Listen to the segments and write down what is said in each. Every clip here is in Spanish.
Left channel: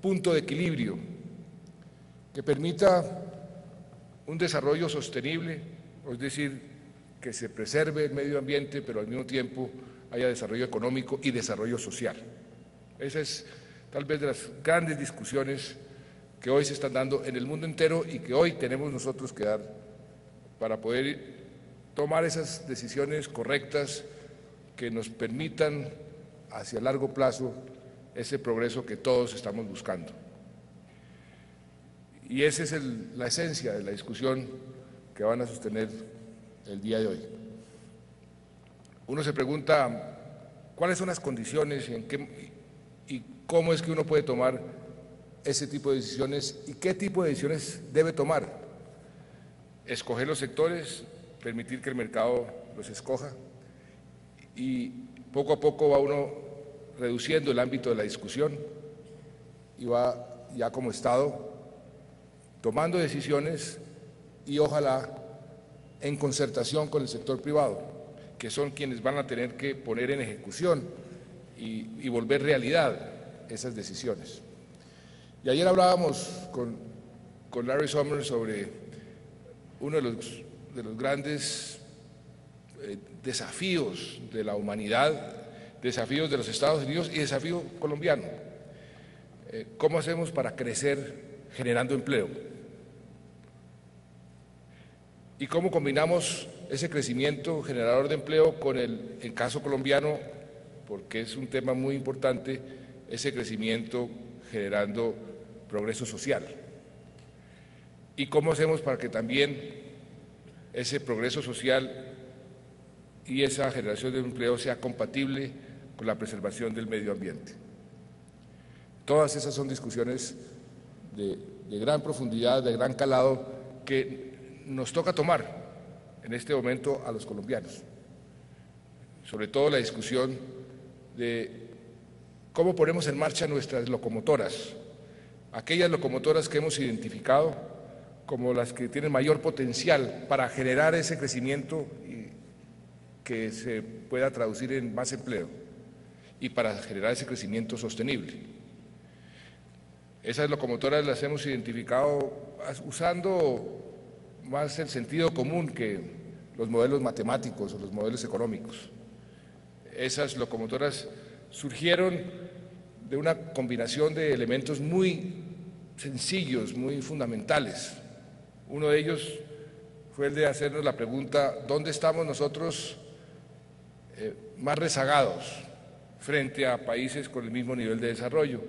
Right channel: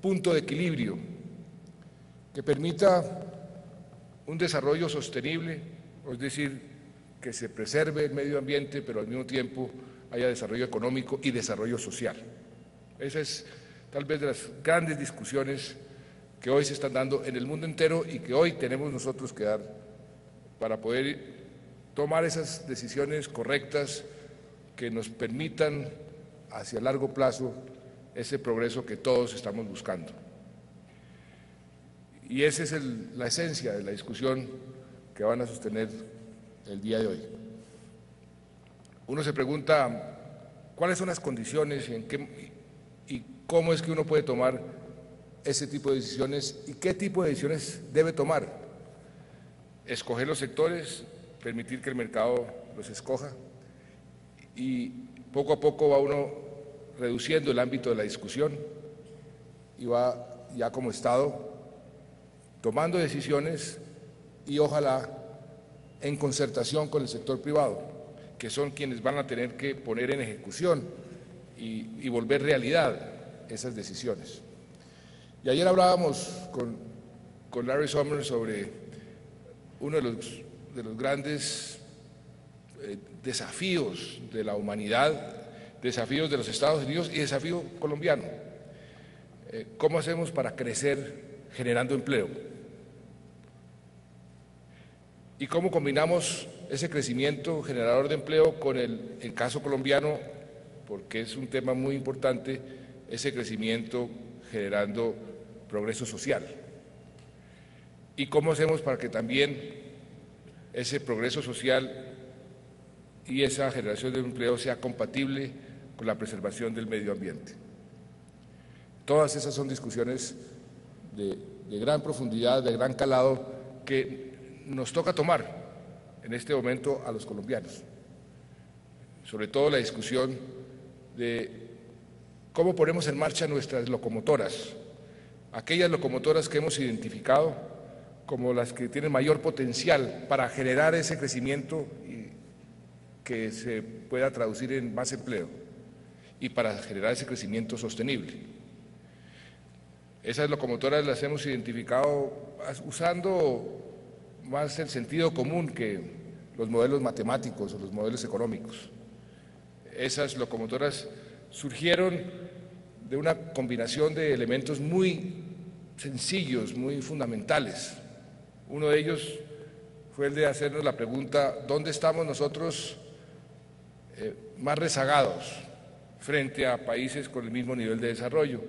punto de equilibrio que permita un desarrollo sostenible, es decir, que se preserve el medio ambiente, pero al mismo tiempo haya desarrollo económico y desarrollo social. Esa es tal vez de las grandes discusiones que hoy se están dando en el mundo entero y que hoy tenemos nosotros que dar para poder tomar esas decisiones correctas que nos permitan hacia largo plazo ese progreso que todos estamos buscando. Y esa es la esencia de la discusión que van a sostener el día de hoy. Uno se pregunta cuáles son las condiciones y cómo es que uno puede tomar ese tipo de decisiones y qué tipo de decisiones debe tomar. Escoger los sectores, permitir que el mercado los escoja y poco a poco va uno reduciendo el ámbito de la discusión y va ya como Estado tomando decisiones y ojalá en concertación con el sector privado, que son quienes van a tener que poner en ejecución y volver realidad esas decisiones. Y ayer hablábamos con Larry Summers sobre uno de los grandes desafíos de la humanidad, desafíos de los Estados Unidos y desafío colombiano. ¿Cómo hacemos para crecer generando empleo? ¿Y cómo combinamos ese crecimiento generador de empleo con el caso colombiano? Porque es un tema muy importante, ese crecimiento generando progreso social. ¿Y cómo hacemos para que también ese progreso social y esa generación de empleo sea compatible con la preservación del medio ambiente? Todas esas son discusiones de gran profundidad, de gran calado, que nos toca tomar en este momento a los colombianos. Sobre todo la discusión de cómo ponemos en marcha nuestras locomotoras, aquellas locomotoras que hemos identificado como las que tienen mayor potencial para generar ese crecimiento que se pueda traducir en más empleo y para generar ese crecimiento sostenible. Esas locomotoras las hemos identificado usando más el sentido común que los modelos matemáticos, los modelos económicos. Esas locomotoras surgieron de una combinación de elementos muy sencillos, muy fundamentales. Uno de ellos fue el de hacernos la pregunta, ¿dónde estamos nosotros más rezagados frente a países con el mismo nivel de desarrollo?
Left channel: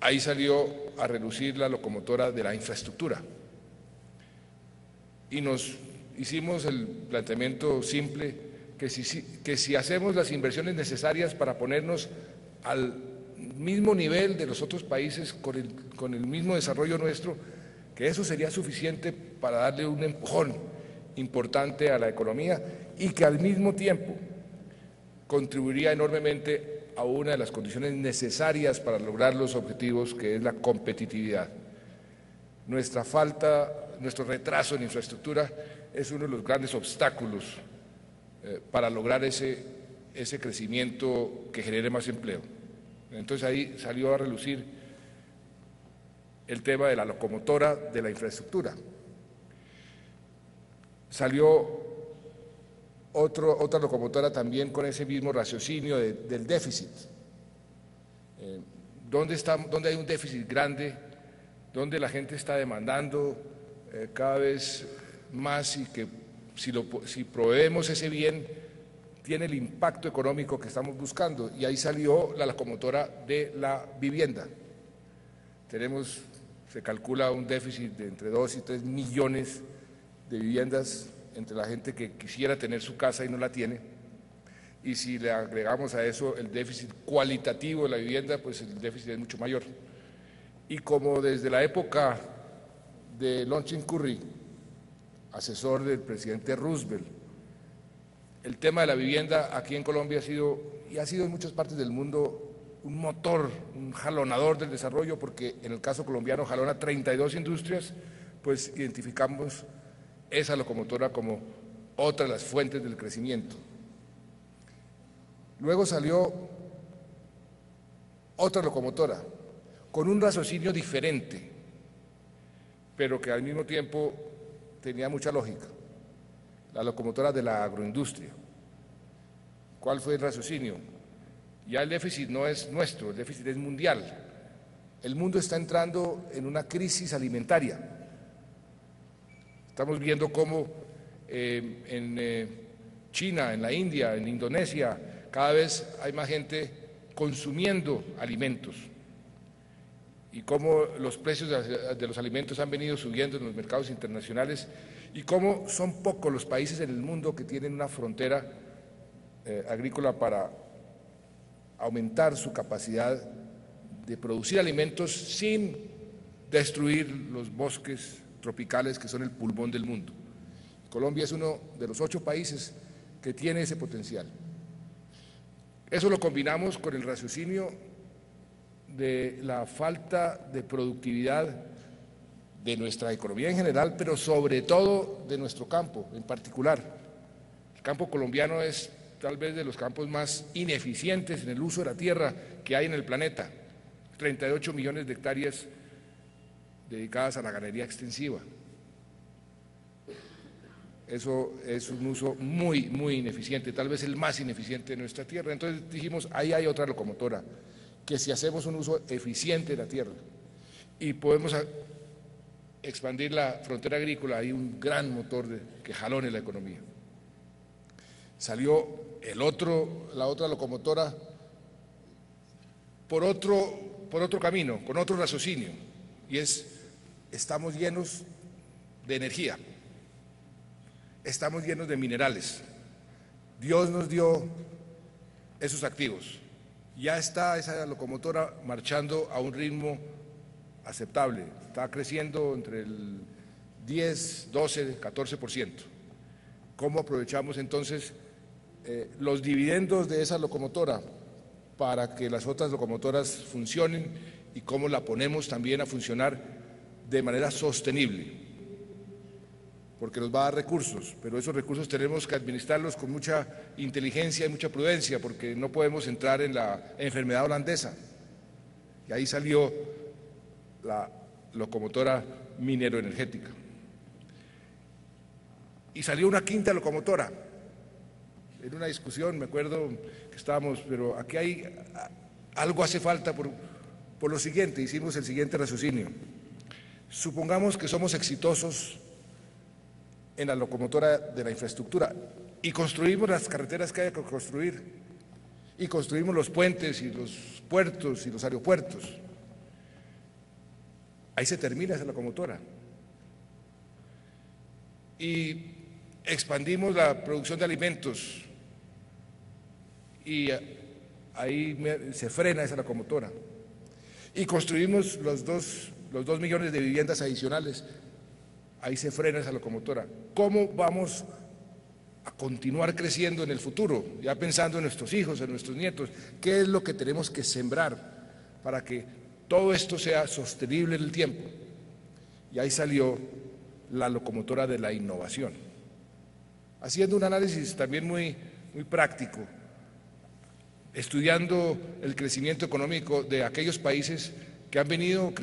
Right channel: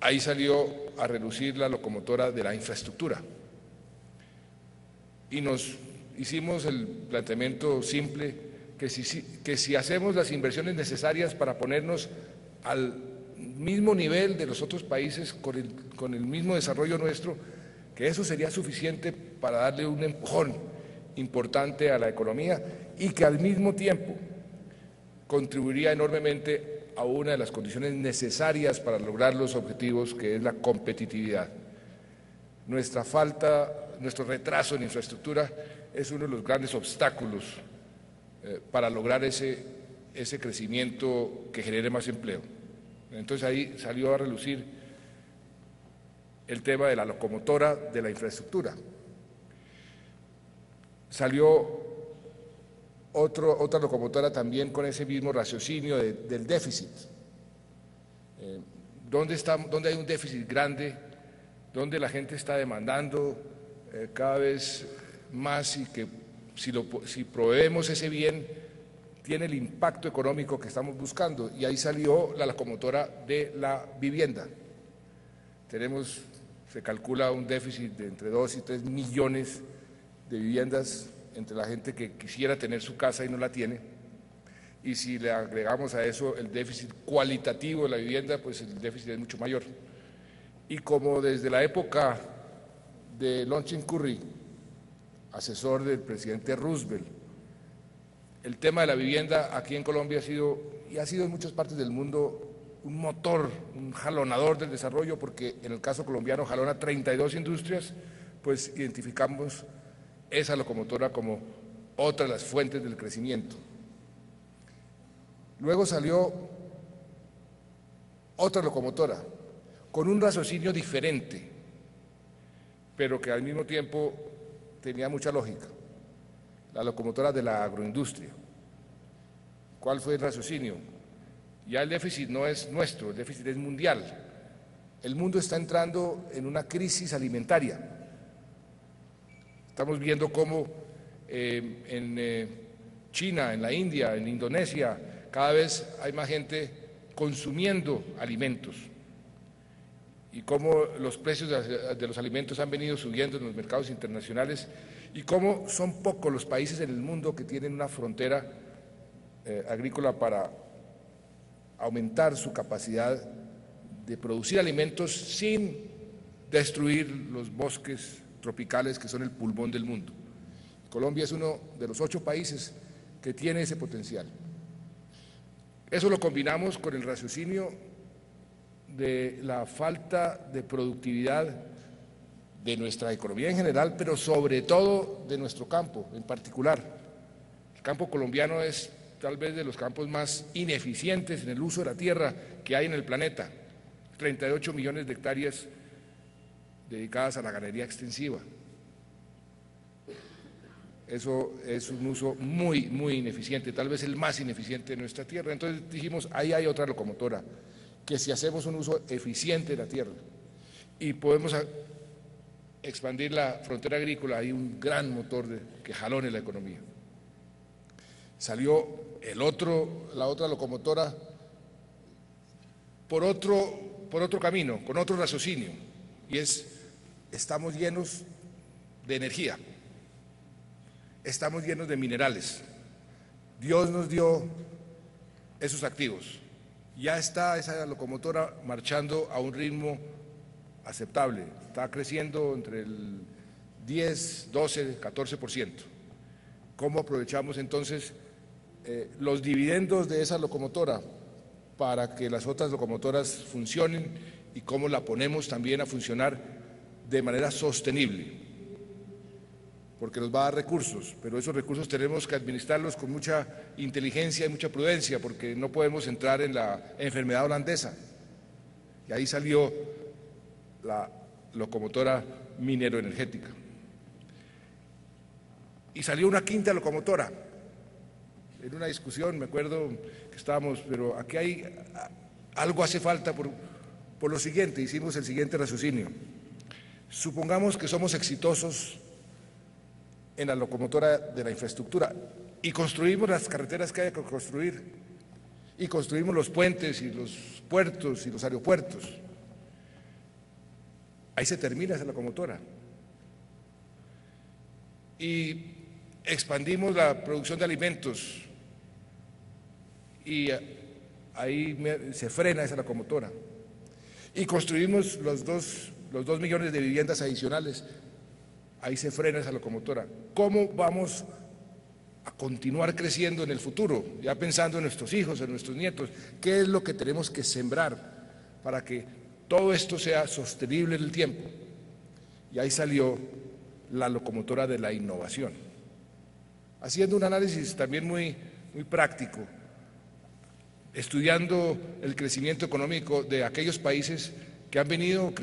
Ahí salió a relucir la locomotora de la infraestructura. Y nos hicimos el planteamiento simple que si hacemos las inversiones necesarias para ponernos al mismo nivel de los otros países con el mismo desarrollo nuestro, que eso sería suficiente para darle un empujón importante a la economía y que al mismo tiempo contribuiría enormemente a una de las condiciones necesarias para lograr los objetivos, que es la competitividad. Nuestro retraso en infraestructura es uno de los grandes obstáculos para lograr ese crecimiento que genere más empleo. Entonces ahí salió a relucir el tema de la locomotora de la infraestructura. Salió otra locomotora también con ese mismo raciocinio del déficit. ¿Dónde hay un déficit grande? ¿Dónde la gente está demandando cada vez más y que si proveemos ese bien tiene el impacto económico que estamos buscando? Y ahí salió la locomotora de la vivienda. Se calcula un déficit de entre 2 y 3 millones de viviendas entre la gente que quisiera tener su casa y no la tiene. Y si le agregamos a eso el déficit cualitativo de la vivienda, pues el déficit es mucho mayor. Y como desde la época de Longchamp Curry, asesor del presidente Roosevelt, el tema de la vivienda aquí en Colombia ha sido en muchas partes del mundo un motor, un jalonador del desarrollo, porque en el caso colombiano jalona 32 industrias, pues identificamos esa locomotora como otra de las fuentes del crecimiento. Luego salió otra locomotora, con un raciocinio diferente, pero que al mismo tiempo tenía mucha lógica, la locomotora de la agroindustria. ¿Cuál fue el raciocinio? Ya el déficit no es nuestro, el déficit es mundial. El mundo está entrando en una crisis alimentaria. Estamos viendo cómo en China, en la India, en Indonesia, cada vez hay más gente consumiendo alimentos y cómo los precios de los alimentos han venido subiendo en los mercados internacionales y cómo son pocos los países en el mundo que tienen una frontera agrícola para aumentar su capacidad de producir alimentos sin destruir los bosques tropicales que son el pulmón del mundo. Colombia es uno de los 8 países que tiene ese potencial. Eso lo combinamos con el raciocinio de la falta de productividad de nuestra economía en general, pero sobre todo de nuestro campo en particular. El campo colombiano es tal vez de los campos más ineficientes en el uso de la tierra que hay en el planeta. 38 millones de hectáreas dedicadas a la ganadería extensiva. Eso es un uso muy ineficiente, tal vez el más ineficiente de nuestra tierra. Entonces dijimos, ahí hay otra locomotora, que si hacemos un uso eficiente de la tierra y podemos expandir la frontera agrícola, hay un gran motor que jalone la economía. Salió la otra locomotora por otro camino, con otro raciocinio, y estamos llenos de energía, estamos llenos de minerales. Dios nos dio esos activos. Ya está esa locomotora marchando a un ritmo aceptable, está creciendo entre el 10, 12, 14%. ¿Cómo aprovechamos entonces los dividendos de esa locomotora para que las otras locomotoras funcionen y cómo la ponemos también a funcionar de manera sostenible? Porque nos va a dar recursos, pero esos recursos tenemos que administrarlos con mucha inteligencia y mucha prudencia, porque no podemos entrar en la enfermedad holandesa. Y ahí salió la locomotora minero-energética. Y salió una quinta locomotora. En una discusión, me acuerdo que estábamos, pero aquí algo hace falta por lo siguiente, hicimos el siguiente raciocinio. Supongamos que somos exitosos en la locomotora de la infraestructura y construimos las carreteras que haya que construir y construimos los puentes y los puertos y los aeropuertos. Ahí se termina esa locomotora. Y expandimos la producción de alimentos y ahí se frena esa locomotora. Y construimos los 2 millones de viviendas adicionales. Ahí se frena esa locomotora. ¿Cómo vamos a continuar creciendo en el futuro? Ya pensando en nuestros hijos, en nuestros nietos, ¿qué es lo que tenemos que sembrar para que todo esto sea sostenible en el tiempo? Y ahí salió la locomotora de la innovación, haciendo un análisis también muy práctico, estudiando el crecimiento económico de aquellos países que han venido